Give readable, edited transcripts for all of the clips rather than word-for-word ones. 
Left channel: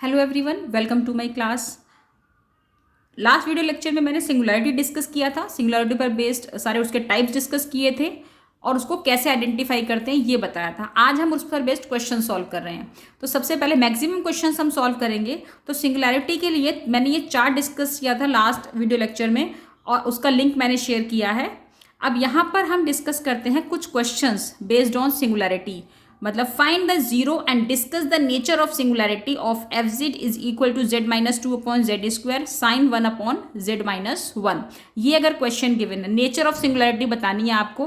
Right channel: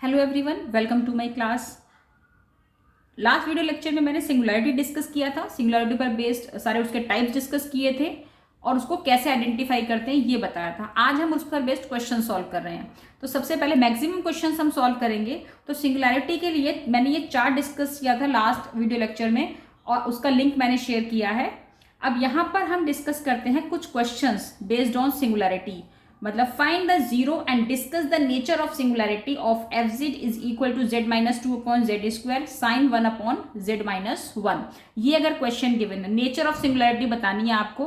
Hello everyone, welcome to my class. Last video lecture में मैंने singularity discuss किया था। सिंगुलैरिटी पर बेस्ड सारे उसके टाइप्स डिस्कस किए थे और उसको कैसे आइडेंटिफाई करते हैं ये बताया था। आज हम उस पर बेस्ड क्वेश्चन सॉल्व कर रहे हैं। तो सबसे पहले मैक्सिमम क्वेश्चंस हम सॉल्व करेंगे। तो सिंगुलैरिटी के लिए मैंने ये चार्ट डिस्कस किया था लास्ट वीडियो लेक्चर में और उसका लिंक मैंने शेयर किया है। अब यहाँ पर हम डिस्कस करते हैं कुछ क्वेश्चंस बेस्ड ऑन सिंगुलैरिटी। मतलब find the zero and discuss the nature of singularity of f z is equal to z minus two upon z square sine one upon z minus one. ये अगर question given है, nature of singularity बतानी है आपको।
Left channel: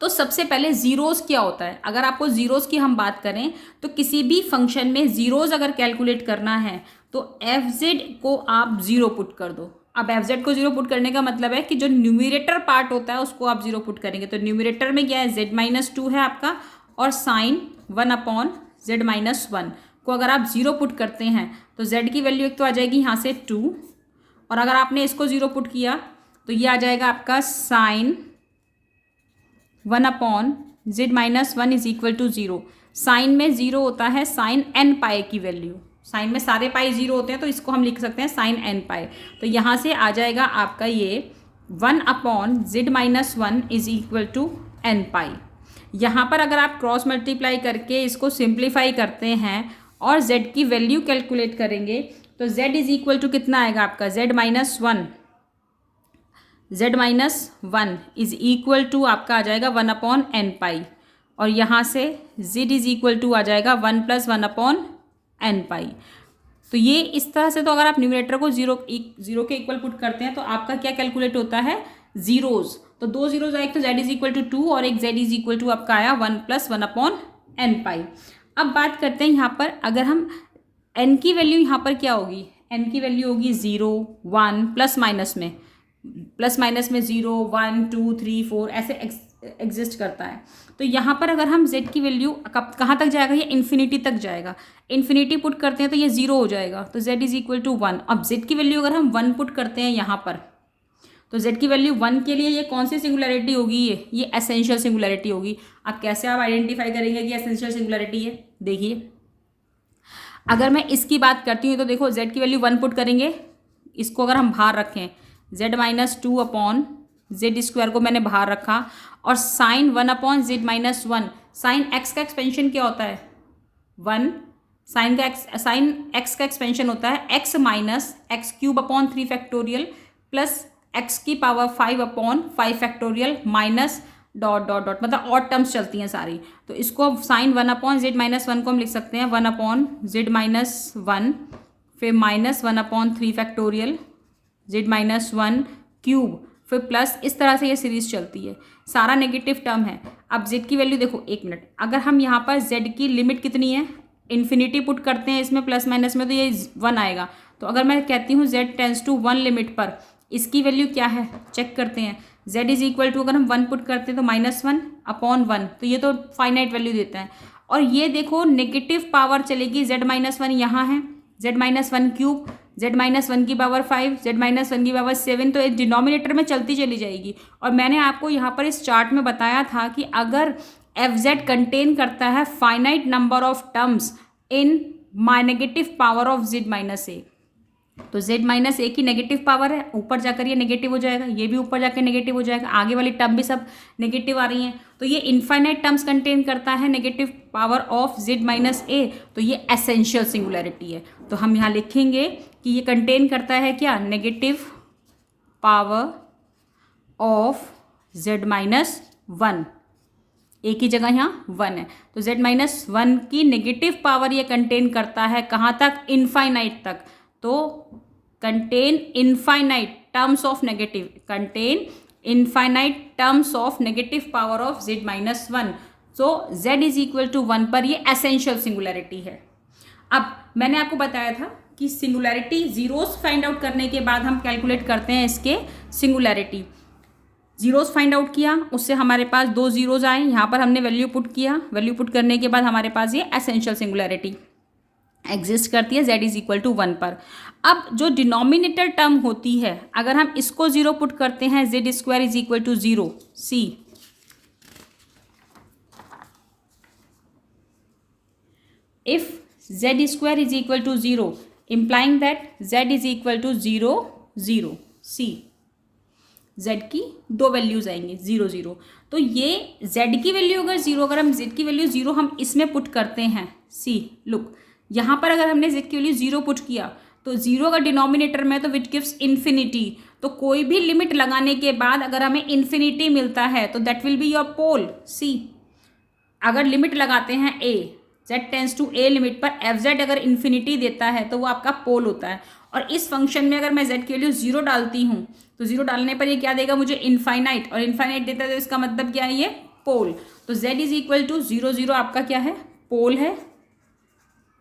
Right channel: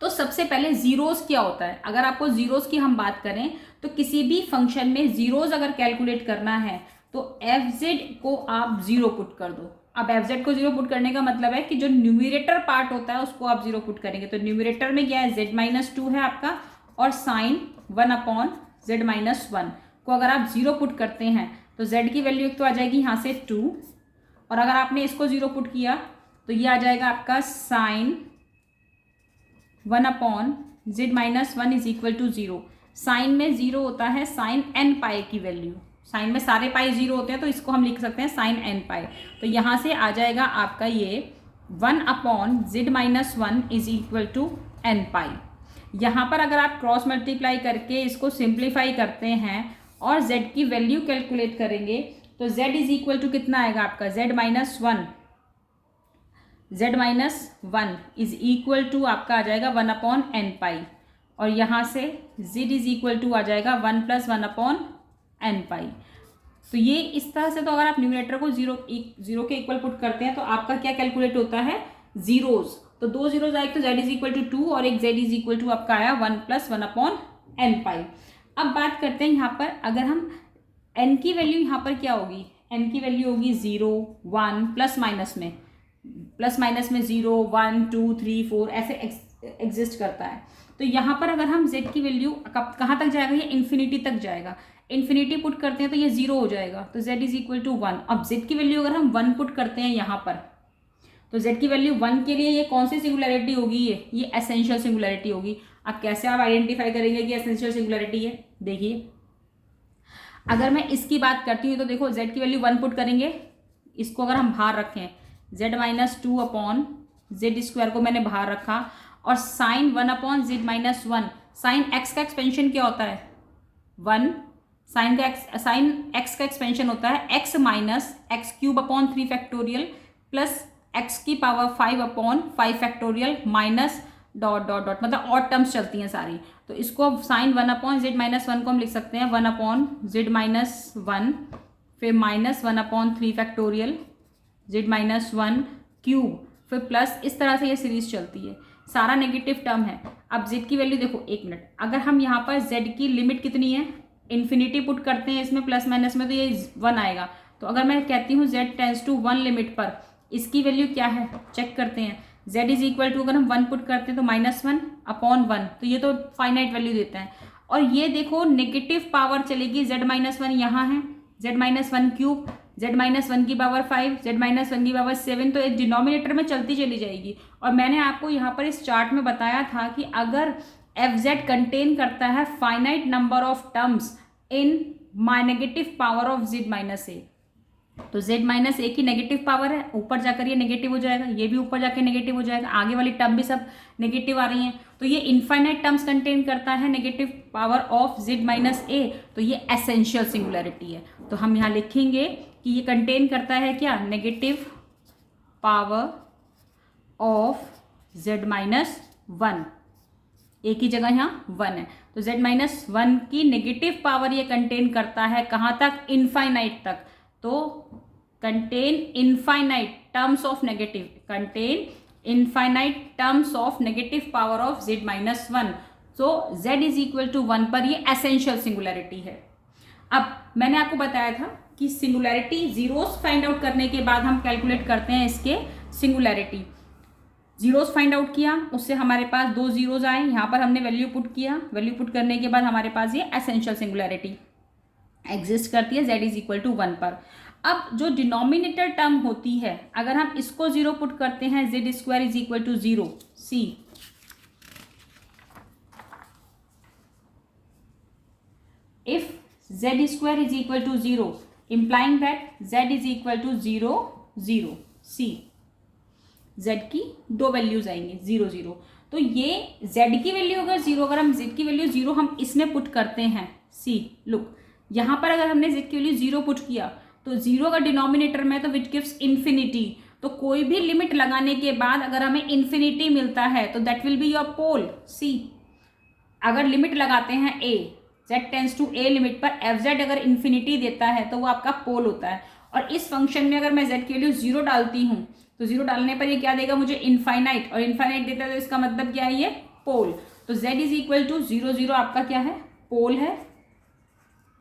तो सबसे पहले zeros क्या होता है। अगर आपको जीरोस की हम बात करें तो किसी भी फंक्शन में जीरोस अगर कैलकुलेट करना है तो एफ जेड को आप जीरो पुट कर दो। अब एफ जेड को जीरो पुट करने का मतलब है कि जो न्यूमिरेटर पार्ट होता है उसको आप जीरो पुट करेंगे। तो न्यूमिरेटर में क्या है, जेड माइनस टू है आपका और sine one upon z minus one को अगर आप जीरो पुट करते हैं तो जेड की वैल्यू एक तो आ जाएगी यहाँ से टू, और अगर आपने इसको जीरो पुट किया तो ये आ जाएगा आपका sine one upon z minus one is equal to zero. Sine में जीरो होता है साइन एन पाए की वैल्यू। साइन में सारे पाई जीरो होते हैं तो इसको हम लिख सकते हैं साइन एन पाए। तो यहाँ से आ जाएगा आपका ये one upon z minus one is equal to n pi. यहाँ पर अगर आप क्रॉस मल्टीप्लाई करके इसको सिंप्लीफाई करते हैं और z की वैल्यू कैलकुलेट करेंगे तो z इज इक्वल टू कितना आएगा आपका z minus one. z minus one is equal to आपका आ जाएगा वन अपॉन एन पाई, और यहाँ से z इज इक्वल टू आ जाएगा one plus one upon n pi. तो ये इस तरह से, तो अगर आप न्यूमरेटर को जीरो के इक्वल पुट करते हैं तो आपका क्या कैलकुलेट होता है, जीरोज। तो दो जीरोज आए, तो z is equal to two और एक z इज इक्वल टू आपका आया one plus one upon n pi. अब बात करते हैं यहाँ पर, अगर हम n की वैल्यू यहाँ पर क्या होगी, n की वैल्यू होगी जीरो वन प्लस माइनस में zero one two three four ऐसे एग्जिस्ट करता है। तो यहाँ पर अगर हम z की वैल्यू कहाँ तक जाएगा, ये इन्फिनिटी तक जाएगा। इन्फिनिटी पुट करते हैं तो ये जीरो हो जाएगा, तो z is equal to one. अब z की वैल्यू अगर हम वन पुट करते हैं यहाँ पर तो z की वैल्यू वन के लिए ये कौन सी सिंगुलैरिटी होगी, ये एसेंशियल सिंगुलैरिटी होगी। अब कैसे आप आइडेंटिफाई करेंगे कि एसेंशियल सिंगुलैरिटी है, देखिए अगर मैं इसकी बात करती हूँ तो देखो z की वैल्यू वन पुट करेंगे, इसको अगर हम बाहर रखें z minus two upon z square को मैंने बाहर रखा, और sine one upon z minus one. Sine x का एक्सपेंशन क्या होता है, वन। साइन एक्स का एक्सपेंशन होता है x minus x cube upon three factorial plus x की power five upon five factorial minus dot dot dot, मतलब और टर्म्स चलती हैं सारी। तो इसको sine one upon z minus one को हम लिख सकते हैं one upon z minus one, फिर minus one upon three factorial z minus one cube, फिर प्लस, इस तरह से ये सीरीज चलती है, सारा नेगेटिव टर्म है। अब z की वैल्यू देखो, एक मिनट, अगर हम यहाँ पर z की लिमिट कितनी है, इन्फिनिटी पुट करते हैं इसमें प्लस माइनस में तो ये वन आएगा। तो अगर मैं कहती हूँ z tends to one limit पर इसकी वैल्यू क्या है, चेक करते हैं। z इज इक्वल टू अगर हम वन पुट करते हैं तो माइनस वन अपॉन वन, तो ये तो फाइनाइट वैल्यू देता है। और ये देखो नेगेटिव पावर चलेगी, z माइनस वन यहाँ है, z minus one cube, z minus one की power five, z minus one की पावर सेवन, तो एक डिनोमिनेटर में चलती चली जाएगी। और मैंने आपको यहाँ पर इस चार्ट में बताया था कि अगर एफ जेड कंटेन करता है finite number of terms in my negative power of z minus a, तो z माइनस ए की नेगेटिव पावर है, ऊपर जाकर ये नेगेटिव हो जाएगा, ये भी ऊपर जाकर नेगेटिव हो जाएगा, आगे वाली टर्म भी सब नेगेटिव आ रही हैं। तो ये इनफाइनाइट टर्म्स कंटेन करता है negative power of z minus a, तो ये एसेंशियल सिंगुलैरिटी है। तो हम यहाँ लिखेंगे कि ये कंटेन करता है क्या, negative power of z minus one, a की जगह यहाँ वन है, तो z माइनस वन की नेगेटिव पावर ये कंटेन करता है कहाँ तक, इनफाइनाइट तक। तो contain infinite terms of negative, contain infinite terms of negative power of z minus one. So z is equal to one पर ये एसेंशियल सिंगुलैरिटी है। अब मैंने आपको बताया था कि सिंगुलैरिटी जीरोस फाइंड आउट करने के बाद हम कैलकुलेट करते हैं इसके सिंगुलैरिटी। जीरोस फाइंड आउट किया, उससे हमारे पास दो जीरोज आए, यहाँ पर हमने वैल्यू पुट किया, वैल्यू पुट करने के बाद हमारे पास ये एसेंशियल सिंगुलैरिटी एग्जिस्ट करती है z is equal to one पर। अब जो डिनोमिनेटर टर्म होती है, अगर हम इसको जीरो पुट करते हैं z square is equal to zero, see if z square is equal to 0, implying that z is equal to 0 0। See, z की दो वैल्यूज आएंगी 0 0। तो ये जेड की वैल्यू अगर 0, अगर हम जेड की वैल्यू 0 हम इसमें पुट करते हैं, सी लुक, यहाँ पर अगर हमने जेड की वैल्यू 0 पुट किया तो 0 अगर डिनोमिनेटर में तो विच गिव्स इन्फिनिटी। तो कोई भी लिमिट लगाने के बाद अगर हमें इन्फिनिटी मिलता है तो that will be your pole. See, अगर लिमिट लगाते हैं a, z tends to a limit पर एफ जेड अगर इन्फिनिटी देता है तो वो आपका पोल होता है। और इस फंक्शन में अगर मैं जेड की वैल्यू 0 डालती हूँ तो 0 डालने पर ये क्या देगा मुझे, इनफाइनाइट, और इनफाइनाइट देता है तो इसका मतलब क्या है, ये पोल। तो जेड इज इक्वल टू 0 0 आपका क्या है, पोल है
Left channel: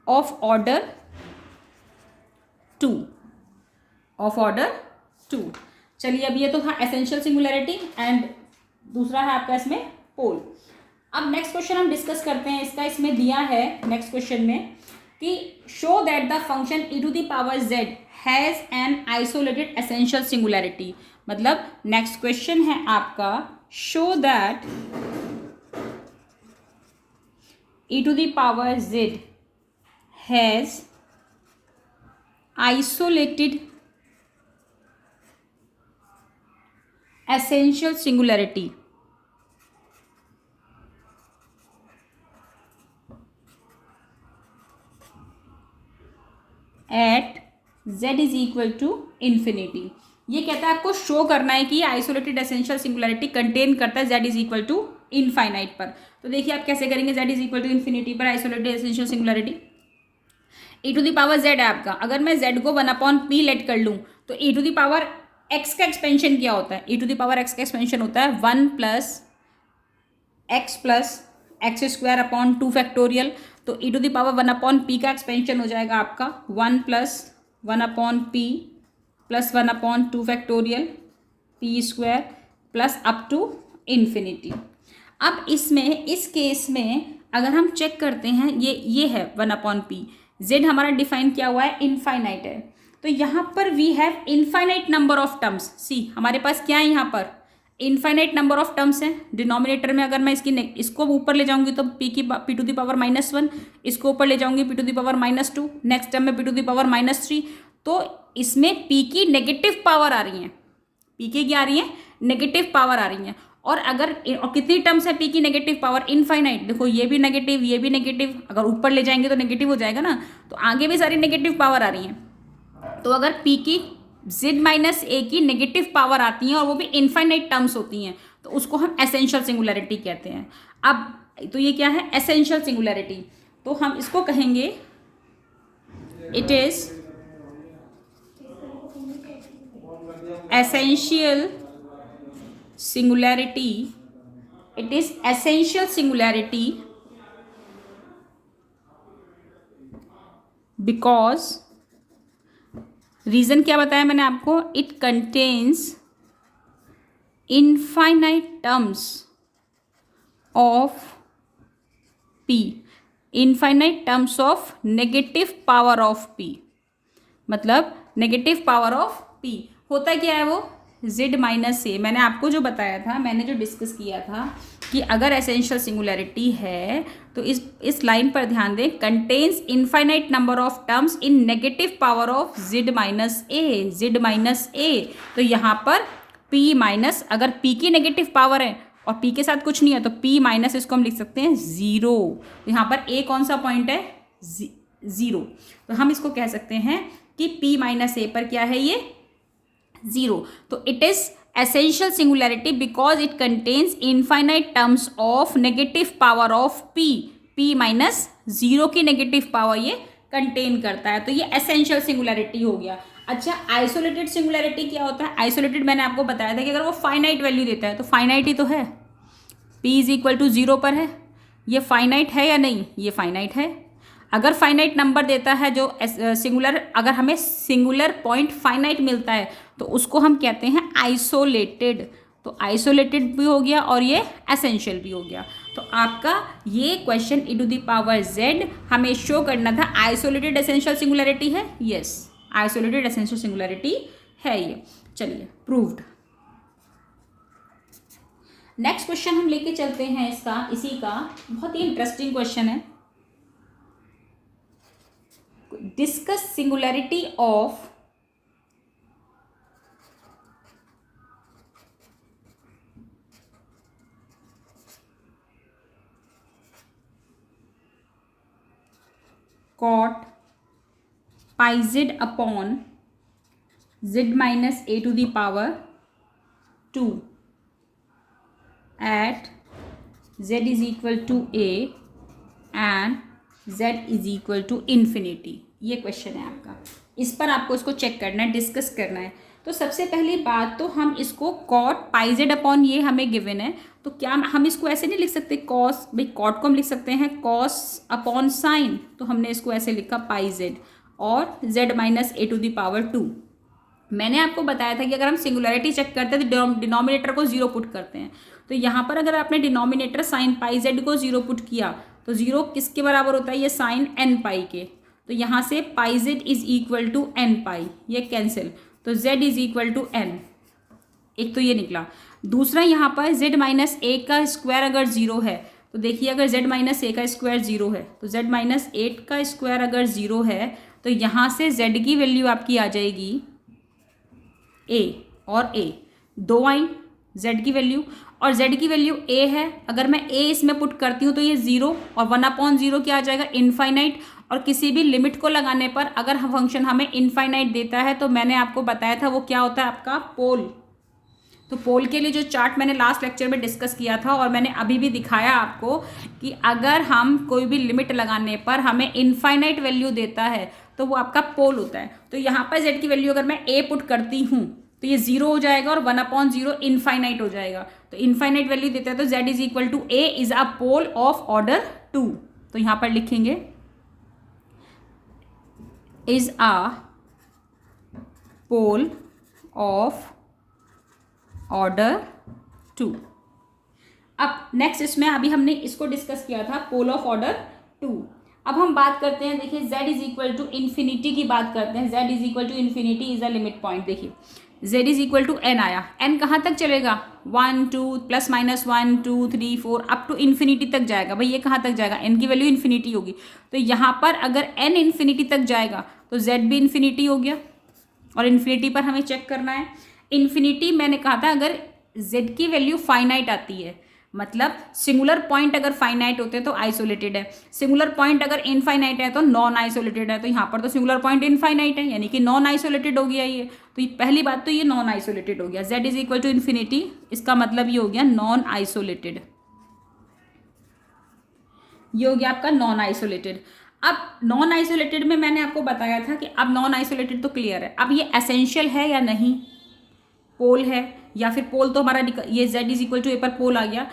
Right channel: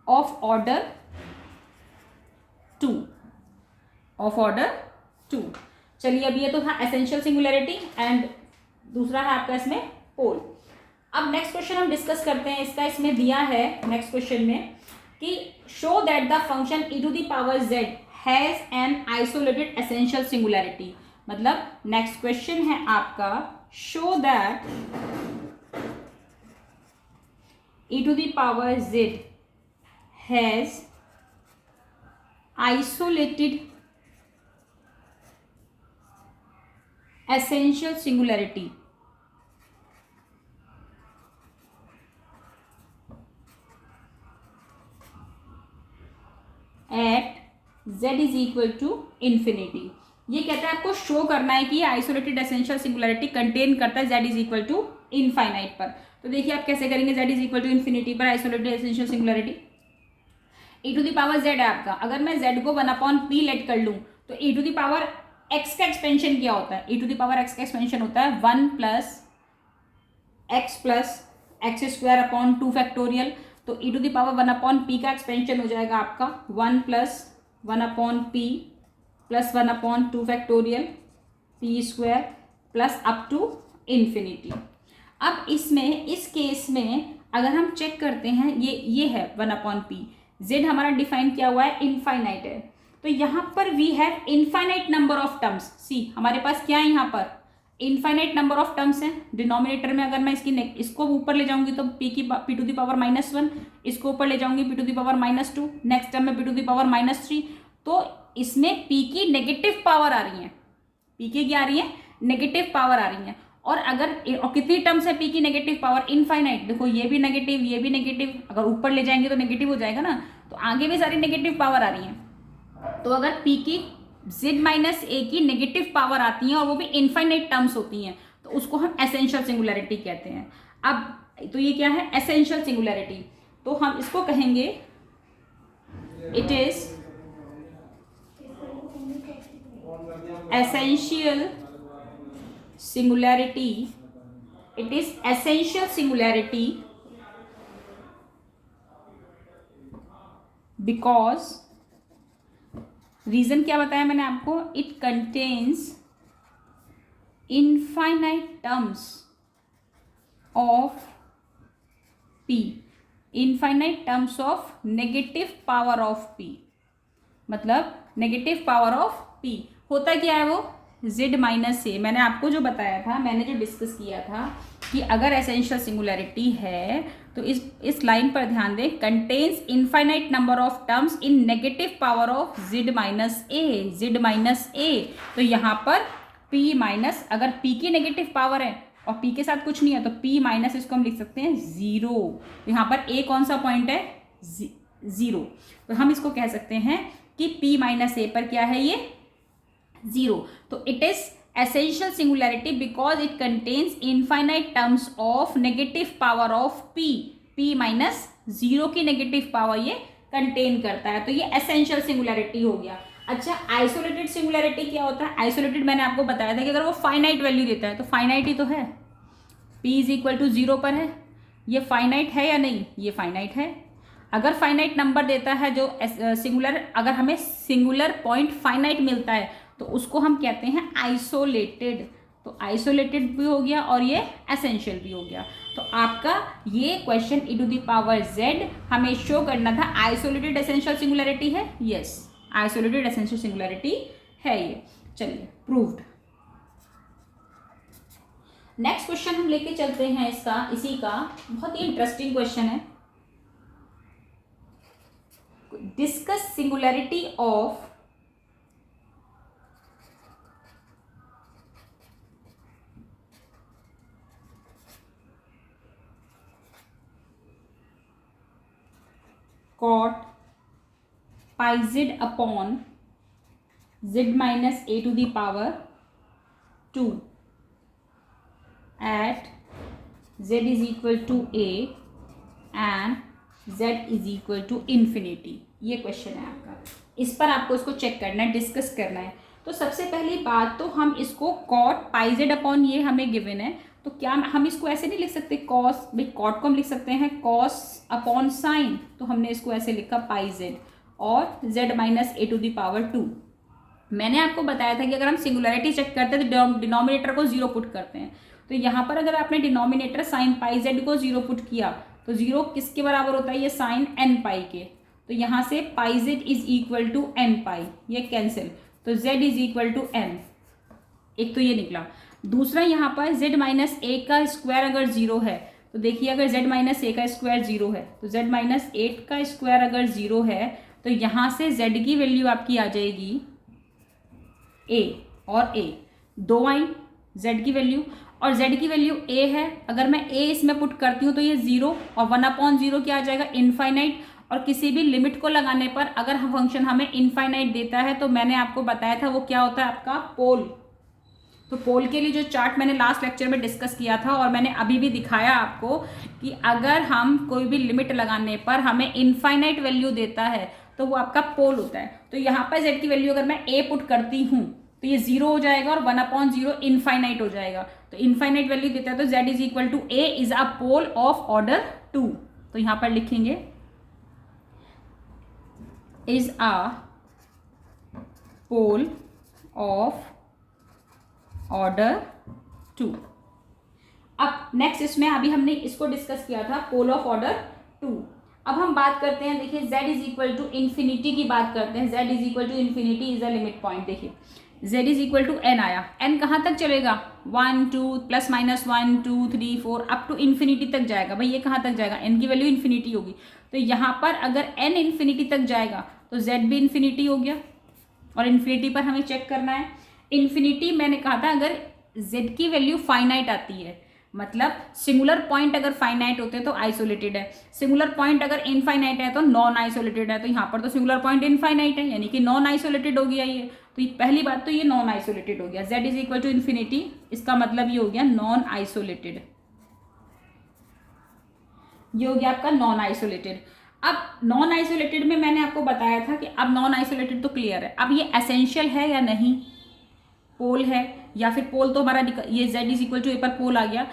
ऑफ ऑर्डर 2, ऑफ ऑर्डर 2। चलिए अब ये तो था एसेंशियल सिंगुलैरिटी एंड दूसरा है आपका इसमें पोल। अब नेक्स्ट क्वेश्चन हम डिस्कस करते हैं इसका। इसमें दिया है नेक्स्ट क्वेश्चन में कि show that the function e to the power z has an isolated essential singularity. मतलब नेक्स्ट क्वेश्चन है आपका, show that e to the power z has isolated essential singularity at z is equal to infinity. ये कहता है आपको show करना है कि आइसोलेटेड एसेंशियल सिंगुलैरिटी कंटेन करता है z is equal to infinite पर। तो देखिए आप कैसे करेंगे, z is equal to infinity पर isolated essential singularity, e to the power z है आपका। अगर मैं z को 1/p लेट कर लूँ तो e to the power x का एक्सपेंशन क्या होता है, e to the power x का एक्सपेंशन होता है 1 plus x square upon 2 factorial. तो e to the power 1/p का एक्सपेंशन हो जाएगा आपका 1 plus 1/p plus 1/2 factorial p square plus up to infinity. अब इसमें इस केस में अगर हम चेक करते हैं, ये है 1/p, z हमारा डिफाइन किया हुआ है इनफाइनाइट है। तो यहाँ पर we have infinite number of terms. See, हमारे पास क्या है, यहाँ पर इनफाइनाइट नंबर ऑफ टर्म्स हैं। डिनोमिनेटर में अगर मैं इसको ऊपर ले जाऊंगी तो p टू द पावर -1, इसको ऊपर ले जाऊंगी p to the power -2, next term में p टू द पावर -3। तो इसमें p की नेगेटिव पावर आ रही है, p की क्या आ रही है, नेगेटिव पावर आ रही है। और कितनी टर्म्स है p की नेगेटिव पावर, इनफाइनाइट। देखो ये भी नेगेटिव, ये भी नेगेटिव, अगर ऊपर ले जाएंगे तो नेगेटिव हो जाएगा ना, तो आगे भी सारी नेगेटिव पावर आ रही है। तो अगर p की z माइनस a की नेगेटिव पावर आती है और वो भी इनफाइनाइट टर्म्स होती हैं तो उसको हम एसेंशियल सिंगुलैरिटी कहते हैं। अब तो ये क्या है, एसेंशियल सिंगुलैरिटी। तो हम इसको कहेंगे it is essential singularity, it is essential singularity because, reason क्या बताया मैंने आपको, it contains infinite terms of p, infinite terms of negative power of p। मतलब नेगेटिव पावर ऑफ p होता क्या है, वो z माइनस a। मैंने आपको जो बताया था, मैंने जो डिस्कस किया था कि अगर एसेंशियल सिंगुलैरिटी है तो इस लाइन पर ध्यान दें, contains infinite number of terms in negative power of z minus a। तो यहाँ पर p माइनस, अगर p की नेगेटिव पावर है और p के साथ कुछ नहीं है तो p माइनस इसको हम लिख सकते हैं 0। यहाँ पर a कौन सा पॉइंट है, 0। तो हम इसको कह सकते हैं कि p माइनस a पर क्या है, ये 0। तो it is essential singularity because it contains infinite terms of negative power of p minus 0 की नेगेटिव पावर ये कंटेन करता है। तो ये essential singularity हो गया। अच्छा, आइसोलेटेड सिंगुलैरिटी क्या होता है, आइसोलेटेड मैंने आपको बताया था कि अगर वो फाइनाइट वैल्यू देता है तो फाइनाइट ही तो है, p इज इक्वल टू 0 पर है, ये फाइनाइट है या नहीं, ये फाइनाइट है। अगर फाइनाइट नंबर देता है जो सिंगुलर, अगर हमें सिंगुलर पॉइंट फाइनाइट मिलता है तो उसको हम कहते हैं आइसोलेटेड। तो आइसोलेटेड भी हो गया और ये एसेंशियल भी हो गया। तो आपका ये question e to the power z हमें शो करना था आइसोलेटेड एसेंशियल सिंगुलैरिटी है, यस आइसोलेटेड एसेंशियल सिंगुलैरिटी है ये। चलिए प्रूव्ड। नेक्स्ट क्वेश्चन हम लेके चलते हैं इसका, इसी का बहुत ही इंटरेस्टिंग क्वेश्चन है। Discuss singularity of cot pi z upon z minus a to the power 2 at z is equal to a and z is equal to infinity। ये क्वेश्चन है आपका, इस पर आपको इसको चेक करना है, डिस्कस करना है। तो सबसे पहली बात तो हम इसको कॉट पाई जेड अपॉन, ये हमें गिवन है, तो क्या हम इसको ऐसे नहीं लिख सकते कॉस, भाई कॉट को हम लिख सकते हैं कॉस अपॉन साइन, तो हमने इसको ऐसे लिखा पाई जेड और z minus a to the power 2। मैंने आपको बताया था कि अगर हम सिंगुलैरिटी चेक करते हैं तो डिनोमिनेटर को जीरो पुट करते हैं। तो यहाँ पर अगर आपने डिनोमिनेटर साइन पाई जेड को जीरो पुट किया तो जीरो किसके बराबर होता है, ये साइन एन पाई के। तो यहाँ से pi z is equal to n pi, ये कैंसिल, तो z is equal to n, एक तो ये निकला। दूसरा यहाँ पर z माइनस ए का स्क्वायर अगर जीरो है तो देखिए अगर z माइनस ए का स्क्वायर जीरो है तो z माइनस 8 का स्क्वायर अगर जीरो है तो यहाँ से z की वैल्यू आपकी आ जाएगी a और a, दो आई z की वैल्यू, और z की वैल्यू a है। अगर मैं a इसमें पुट करती हूँ तो ये जीरो और 1/0 क्या आ जाएगा, इनफाइनाइट। और किसी भी लिमिट को लगाने पर अगर फंक्शन हमें इनफाइनाइट देता है तो मैंने आपको बताया था वो क्या होता है आपका पोल। तो पोल के लिए जो चार्ट मैंने लास्ट लेक्चर में डिस्कस किया था और मैंने अभी भी दिखाया आपको कि अगर हम कोई भी लिमिट लगाने पर हमें इनफाइनाइट वैल्यू देता है तो वो आपका पोल होता है। तो यहाँ पर z की वैल्यू अगर मैं a पुट करती हूँ तो ये जीरो हो जाएगा और 1/0 इनफाइनाइट हो जाएगा। तो इनफाइनाइट वैल्यू देता है तो z is equal to a is a pole of order 2। तो यहाँ पर लिखेंगे is a pole of order 2। अब नेक्स्ट इसमें अभी हमने इसको डिस्कस किया था पोल ऑफ ऑर्डर 2। अब हम बात करते हैं, देखिए z is equal to infinity की बात करते हैं। z is equal to infinity is a limit point. देखिए z is equal to n आया, n कहाँ तक चलेगा, 1 2 plus minus 1 2 3 4 up to infinity तक जाएगा। भाई ये कहाँ तक जाएगा, n की वैल्यू इन्फिनिटी होगी। तो यहाँ पर अगर n इन्फिनिटी तक जाएगा तो z भी इन्फिनिटी हो गया और इन्फिनिटी पर हमें चेक करना है। इन्फिनिटी मैंने कहा था अगर z की वैल्यू फाइनाइट आती है, मतलब सिंगुलर पॉइंट अगर फाइनाइट होते हैं तो आइसोलेटेड है, सिंगुलर पॉइंट अगर इनफाइनाइट है तो नॉन आइसोलेटेड है। तो यहाँ पर तो सिंगुलर पॉइंट इनफाइनाइट है यानी कि नॉन आइसोलेटेड हो गया ये। तो पहली बात तो ये नॉन आइसोलेटेड हो गया, z is equal to infinity, इसका मतलब ये हो गया नॉन आइसोलेटेड, ये हो गया आपका नॉन आइसोलेटेड। अब नॉन आइसोलेटेड में मैंने आपको बताया था कि अब नॉन आइसोलेटेड तो क्लियर है, अब ये एसेंशियल है या नहीं, पोल है या फिर पोल तो हमारा ये z इज इक्वल टू ए पर पोल आ गया,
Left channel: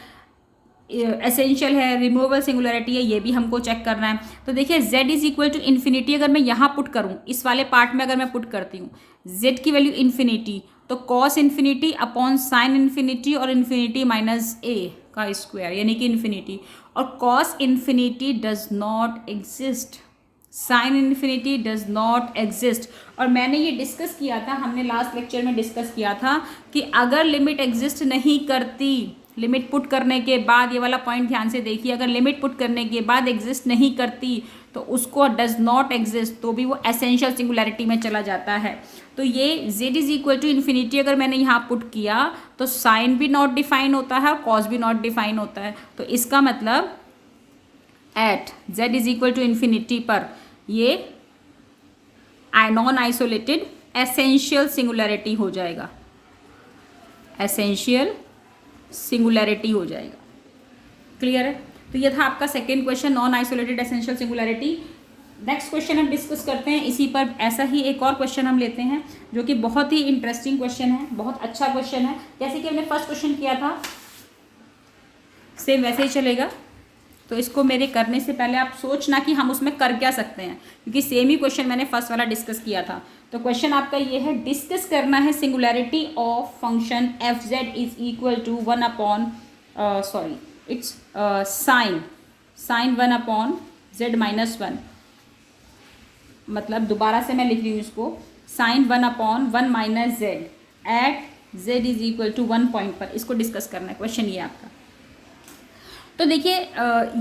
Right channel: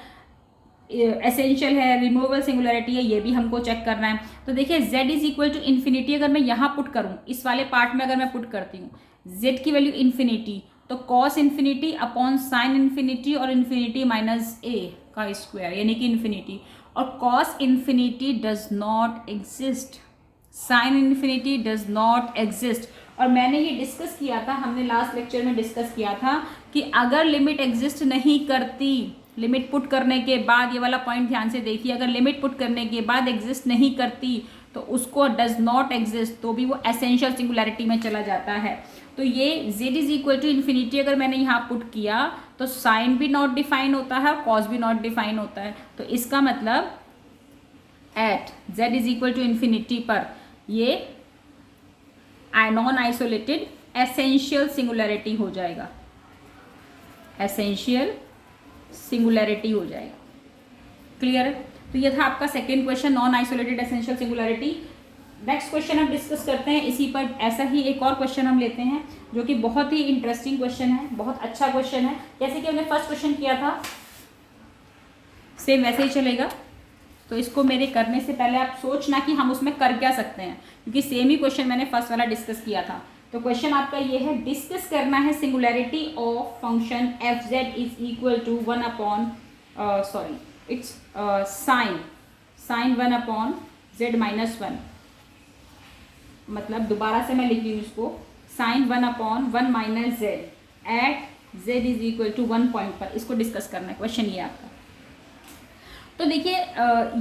एसेंशियल है, रिमूवेबल सिंगुलरिटी है, ये भी हमको चेक करना है। तो देखिए z is equal to infinity अगर मैं यहाँ पुट करूँ, इस वाले पार्ट में अगर मैं पुट करती हूँ z की वैल्यू इन्फिनिटी, तो cos infinity upon sine infinity और इन्फिनिटी माइनस a का स्क्वायर यानी कि इन्फिनिटी, और cos infinity does not exist, sine infinity does not exist. और मैंने ये डिस्कस किया था, हमने लास्ट लेक्चर में डिस्कस किया था कि अगर लिमिट एग्जिस्ट नहीं करती, लिमिट पुट करने के बाद, ये वाला पॉइंट ध्यान से देखिए, अगर लिमिट पुट करने के बाद एग्जिस्ट नहीं करती तो उसको डज नॉट एग्जिस्ट, तो भी वो एसेंशियल सिंगुलैरिटी में चला जाता है। तो ये z is equal to infinity अगर मैंने यहाँ पुट किया तो साइन भी नॉट डिफाइन होता है और कॉस भी नॉट डिफाइन होता है। तो इसका मतलब at z is equal to infinity पर ये नॉन आइसोलेटेड एसेंशियल सिंगुलैरिटी हो जाएगा, एसेंशियल सिंगुलैरिटी हो जाएगा। क्लियर है? तो ये था आपका second question, non isolated essential singularity. Next question हम डिस्कस करते हैं इसी पर, ऐसा ही एक और क्वेश्चन हम लेते हैं जो कि बहुत ही इंटरेस्टिंग क्वेश्चन है, बहुत अच्छा क्वेश्चन है। जैसे कि हमने फर्स्ट क्वेश्चन किया था सेम वैसे ही चलेगा। तो इसको मेरे करने से पहले आप सोचना कि हम उसमें कर क्या सकते हैं, क्योंकि सेम ही क्वेश्चन मैंने फर्स्ट वाला डिस्कस किया था। तो क्वेश्चन आपका ये है, डिस्कस करना है singularity of function f z is equal to 1 upon its sine 1 upon z minus 1, मतलब दोबारा से मैं लिख रही हूँ इसको, sine 1 upon 1 minus z at z is equal to 1 point पर, इसको डिस्कस करना है। क्वेश्चन ये आपका तो देखिए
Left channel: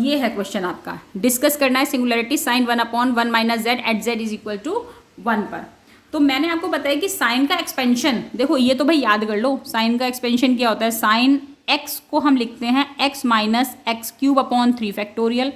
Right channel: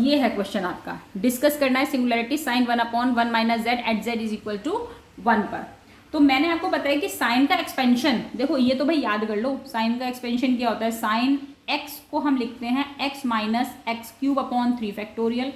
ये है क्वेश्चन आपका, डिस्कस करना है singularity sine 1/1 minus z at z is equal to 1 पर। तो मैंने आपको बताया कि साइन का एक्सपेंशन, देखो ये तो भाई याद कर लो, साइन का एक्सपेंशन क्या होता है, साइन एक्स को हम लिखते हैं x minus x cube upon 3 factorial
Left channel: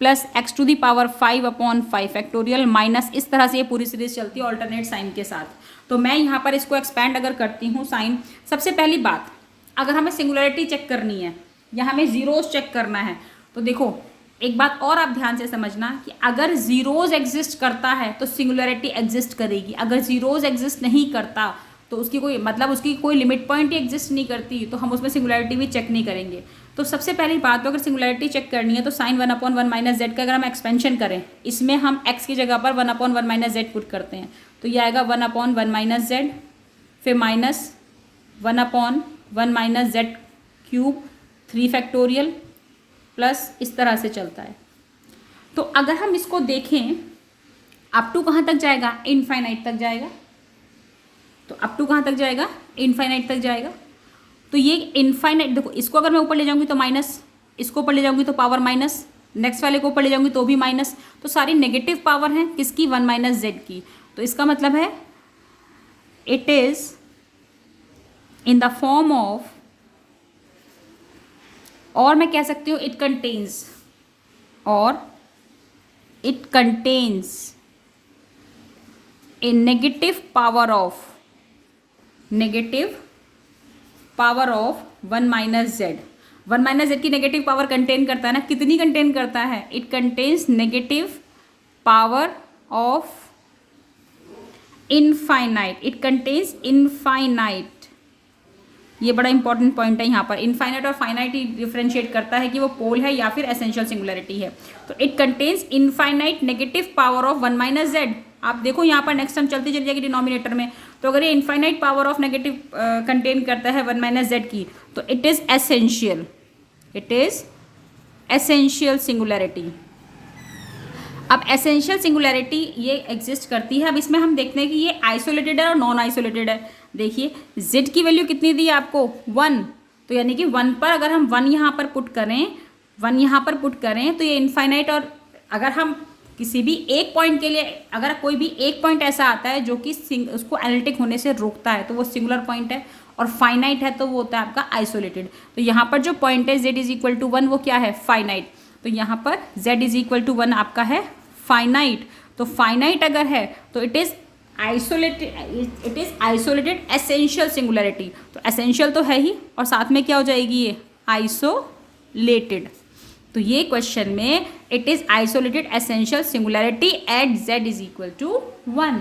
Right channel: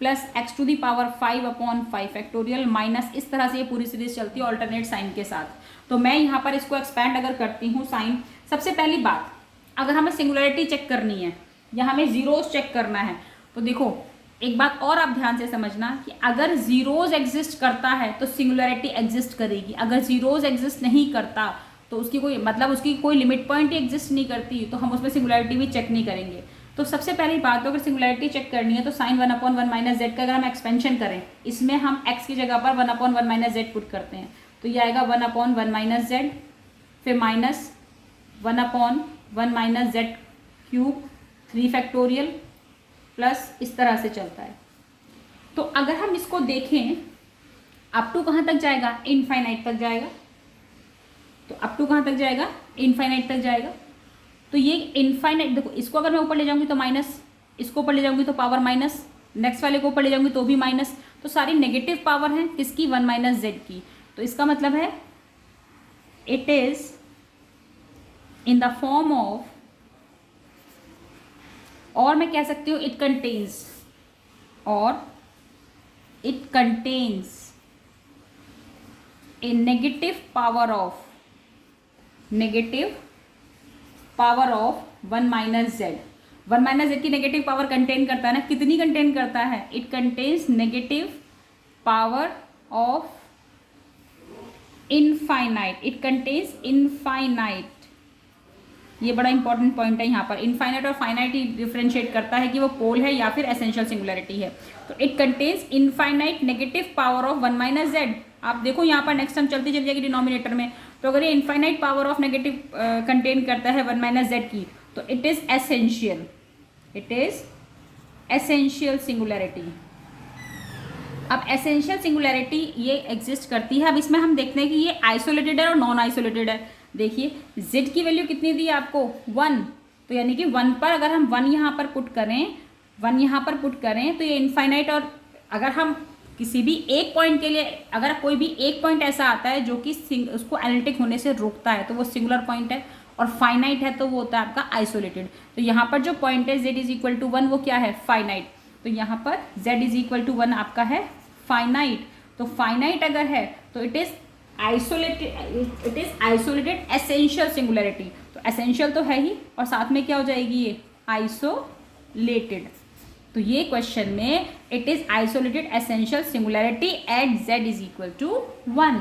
plus x to the power 5 upon 5 factorial minus, इस तरह से ये पूरी सीरीज चलती है ऑल्टरनेट साइन के साथ। तो मैं यहाँ पर इसको एक्सपैंड अगर करती हूँ साइन, सबसे पहली बात अगर हमें सिंगुलरिटी चेक करनी है या हमें जीरोज चेक करना है, तो देखो एक बात और आप ध्यान से समझना कि अगर जीरोज एग्जिस्ट करता है तो सिंगुलरिटी एग्जिस्ट करेगी, अगर जीरोज एग्जिस्ट नहीं करता तो उसकी कोई मतलब उसकी कोई लिमिट पॉइंट ही एग्जिस्ट नहीं करती तो हम उसमें सिंगुलरिटी भी चेक नहीं करेंगे। तो सबसे पहली बात तो अगर सिंगुलरिटी चेक करनी है तो साइन 1/1 माइनस जेड का अगर हम एक्सपेंशन करें, इसमें हम एक्स की जगह पर 1/1 माइनस जेड पुट करते हैं, तो ये आएगा 1/1 माइनस जेड, फिर minus 1/1 minus Z cube 3 factorial plus इस तरह से चलता है। तो अगर हम इसको देखें अप टू कहाँ तक जाएगा, इनफाइनाइट तक जाएगा। तो अप टू कहाँ तक जाएगा, इनफाइनाइट तक जाएगा। तो ये इनफाइनाइट, देखो इसको अगर मैं ऊपर ले जाऊंगी तो माइनस, इसको ऊपर ले जाऊंगी तो पावर माइनस, नेक्स्ट वाले को ऊपर ले जाऊंगी तो भी माइनस, तो सारी नेगेटिव पावर हैं किसकी, 1 माइनस जेड की। तो इसका मतलब है it is in the form of, और मैं कह सकती हूँ इट कंटेन्स, और it contains A negative power of 1 minus Z. 1 minus Z की नेगेटिव पावर कंटेन करता है ना, कितनी कंटेन करता है, it contains negative power of infinite, it contains infinite. ये बड़ा इंपॉर्टेंट पॉइंट है यहाँ पर, इनफाइनाइट और फाइनाइट ही डिफ्रेंशिएट करता है कि वो पोल है या फिर एसेंशियल सिंगुलरिटी है। तो it contains infinite negative power of 1 minus Z. आप देखो यहाँ पर नेक्स्ट टर्म चलती चली जाएगी डिनोमिनेटर में, तो अगर ये infinite power of negative contain करता है 1 माइनस जेड की, तो it is essential, it is essential singularity. अब एसेंशियल सिंगुलरिटी ये एग्जिस्ट करती है। अब इसमें हम देखते हैं कि ये आइसोलेटेड है और नॉन आइसोलेटेड है। देखिए z की वैल्यू कितनी दी आपको, 1, तो यानी कि 1 पर अगर हम 1 यहाँ पर पुट करें, 1 यहाँ पर पुट करें तो ये इनफाइनाइट, और अगर हम किसी भी एक पॉइंट के लिए, अगर कोई भी एक पॉइंट ऐसा आता है जो कि उसको एनालिटिक होने से रोकता है तो वो सिंगुलर पॉइंट है, और फाइनाइट है तो वो होता है आपका आइसोलेटेड। तो यहाँ पर जो पॉइंट है z इज इक्वल टू 1 वो क्या है, फाइनाइट। तो यहाँ पर z इज इक्वल टू 1 आपका है फाइनाइट। तो फाइनाइट अगर है तो it is isolated, it is isolated essential singularity. तो एसेंशियल तो है ही, और साथ में क्या हो जाएगी ये आइसोलेटेड। तो ये क्वेश्चन में it is isolated essential singularity at z is equal to 1,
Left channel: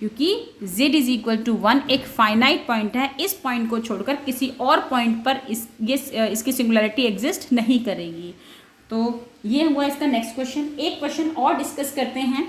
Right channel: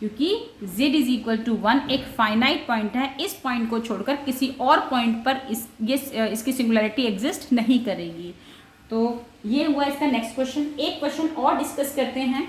क्योंकि z इज इक्वल टू 1 एक फाइनाइट पॉइंट है। इस पॉइंट को छोड़कर किसी और पॉइंट पर इसकी सिंगुलरिटी एग्जिस्ट नहीं करेगी। तो ये हुआ इसका नेक्स्ट क्वेश्चन। एक क्वेश्चन और डिस्कस करते हैं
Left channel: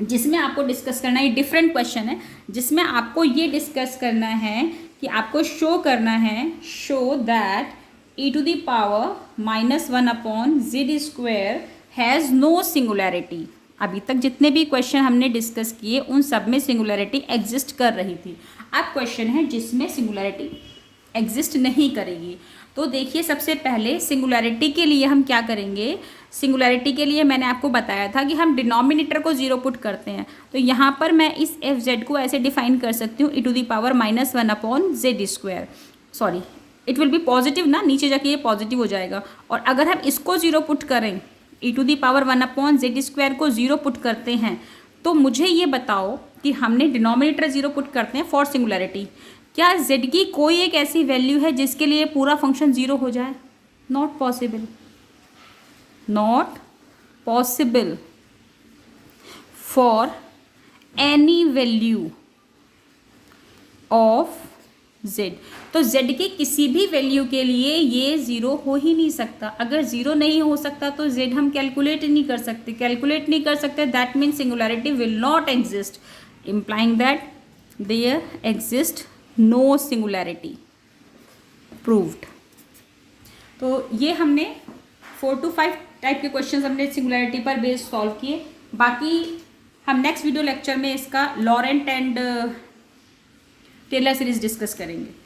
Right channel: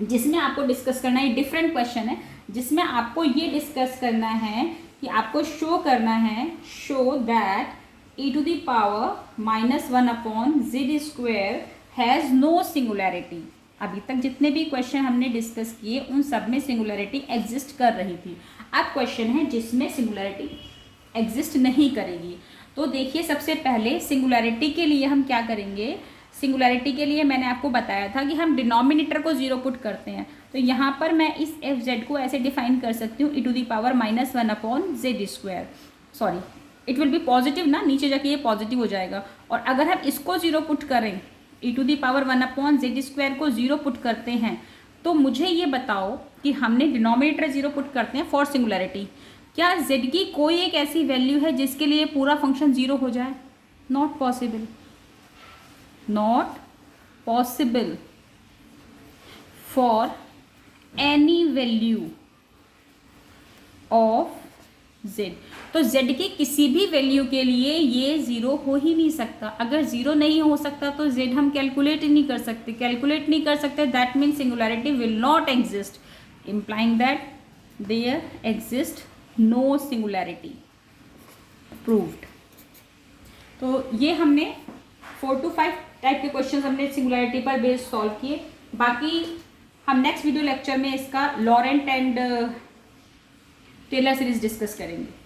जिसमें आपको डिस्कस करना है, डिफरेंट क्वेश्चन है जिसमें आपको ये डिस्कस करना है कि आपको शो करना है, show that e to the power -1 upon z square has no singularity. अभी तक जितने भी क्वेश्चन हमने डिस्कस किए उन सब में सिंगुलरिटी एग्जिस्ट कर रही थी। अब क्वेश्चन है जिसमें सिंगुलरिटी एग्जिस्ट नहीं करेगी। तो देखिए सबसे पहले सिंगुलरिटी के लिए हम क्या करेंगे, सिंगुलरिटी के लिए मैंने आपको बताया था कि हम डिनोमिनेटर को 0 पुट करते हैं। तो यहाँ पर मैं इस f(z) को ऐसे डिफाइन कर सकती हूँ e to the power -1 upon z square. Sorry, it will be positive ना, नीचे जाके ये पॉजिटिव हो जाएगा। और अगर हम इसको 0 पुट करें, e to the power 1 upon z square को 0 पुट करते हैं, तो मुझे ये बताओ कि हमने डिनोमिनेटर 0 पुट करते हैं फॉर सिंगुलरिटी, क्या z की कोई एक ऐसी वैल्यू है जिसके लिए पूरा फंक्शन 0 हो जाए? Not possible, not possible for any value of z। तो z की किसी भी वैल्यू के लिए ये 0 हो ही नहीं सकता। अगर 0 नहीं हो सकता तो z हम कैलकुलेट ही नहीं कर सकते, कैलकुलेट नहीं कर सकते, that means singularity will not exist, implying that there exist no singularity, proved. तो ये हमने 4 to 5 टाइप के क्वेश्चंस हमने सिंगुलरिटी पर बेस्ड सॉल्व किए। बाकी हम नेक्स्ट वीडियो लेक्चर में इसका Laurent and Taylor series discuss करेंगे।